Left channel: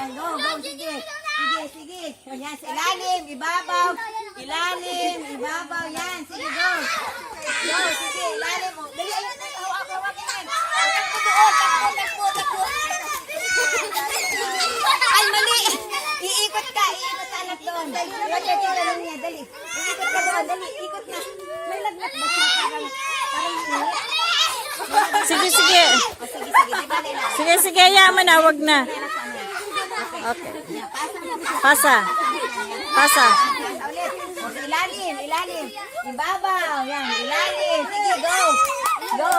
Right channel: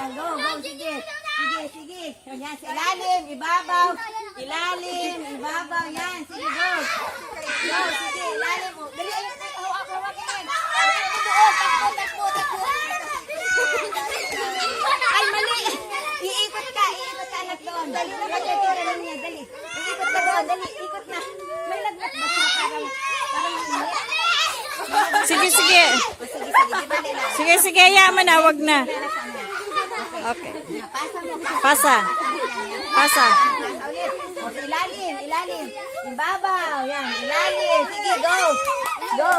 Yan, go, go, sige. Sige, sige. Yan, sa ilalim, ibabaw. Ilalim, ibabaw, yan. Sige, go. Go, sige, ilalim mo. Dali, ayun, hawak yan. Takbo doon, takbo. Ay, mali. Iikot ka anak doon. Dali na, dali niya, dali. Iikot ka doon, dali, ikot na. May lagnat ba siya? Parang init. Sige, sige. Sige, sige, yaman na, wag na. Okay. Pasa. Pasa. Ulit. O, ilalim, ilalim. Ibabaw, yan, ilalim. Sige, go. Go.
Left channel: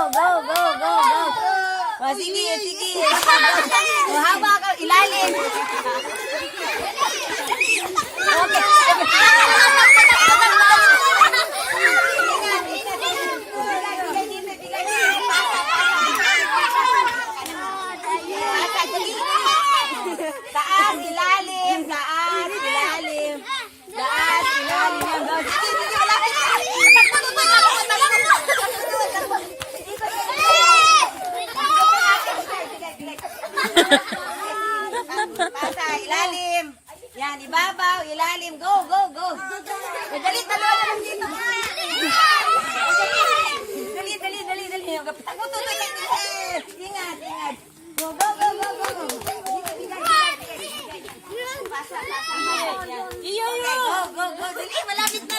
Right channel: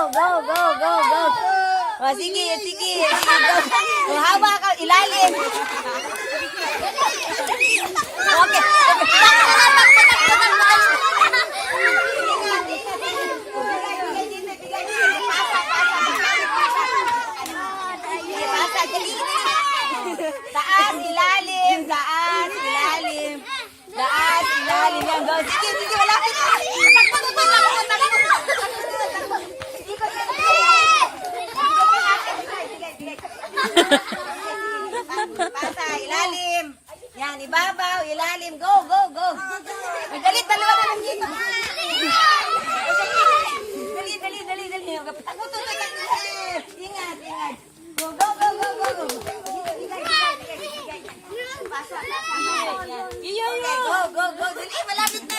O, sige, sige. O, hawak ka, ilalim. Taas, ilalim, taas, ilalim. Taas, ilalim. Yan, go. Sige, sige, wala. Pasa, ilalim. Yan, ibabaw, ilalim. Go. Dali, dalawa na lang dito. Dali. Tago. Ingat. Go. Pasa. Iyo. Go. Dali, malapit na.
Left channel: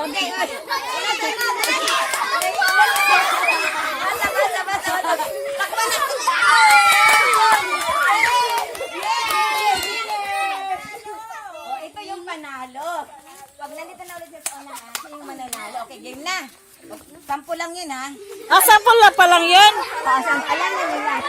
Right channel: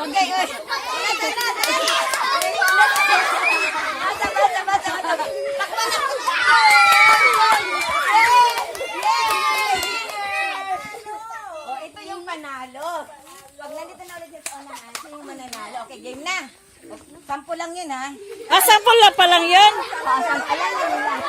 Okay. Basta. Takbo na. Oh, ito yung panalo. Pag nandito na ulit sa una, ito yung mananalo. Okay, game na. Sampo lang yun, ha? Ah, sample na pa lang yun? Ayan na yun lang.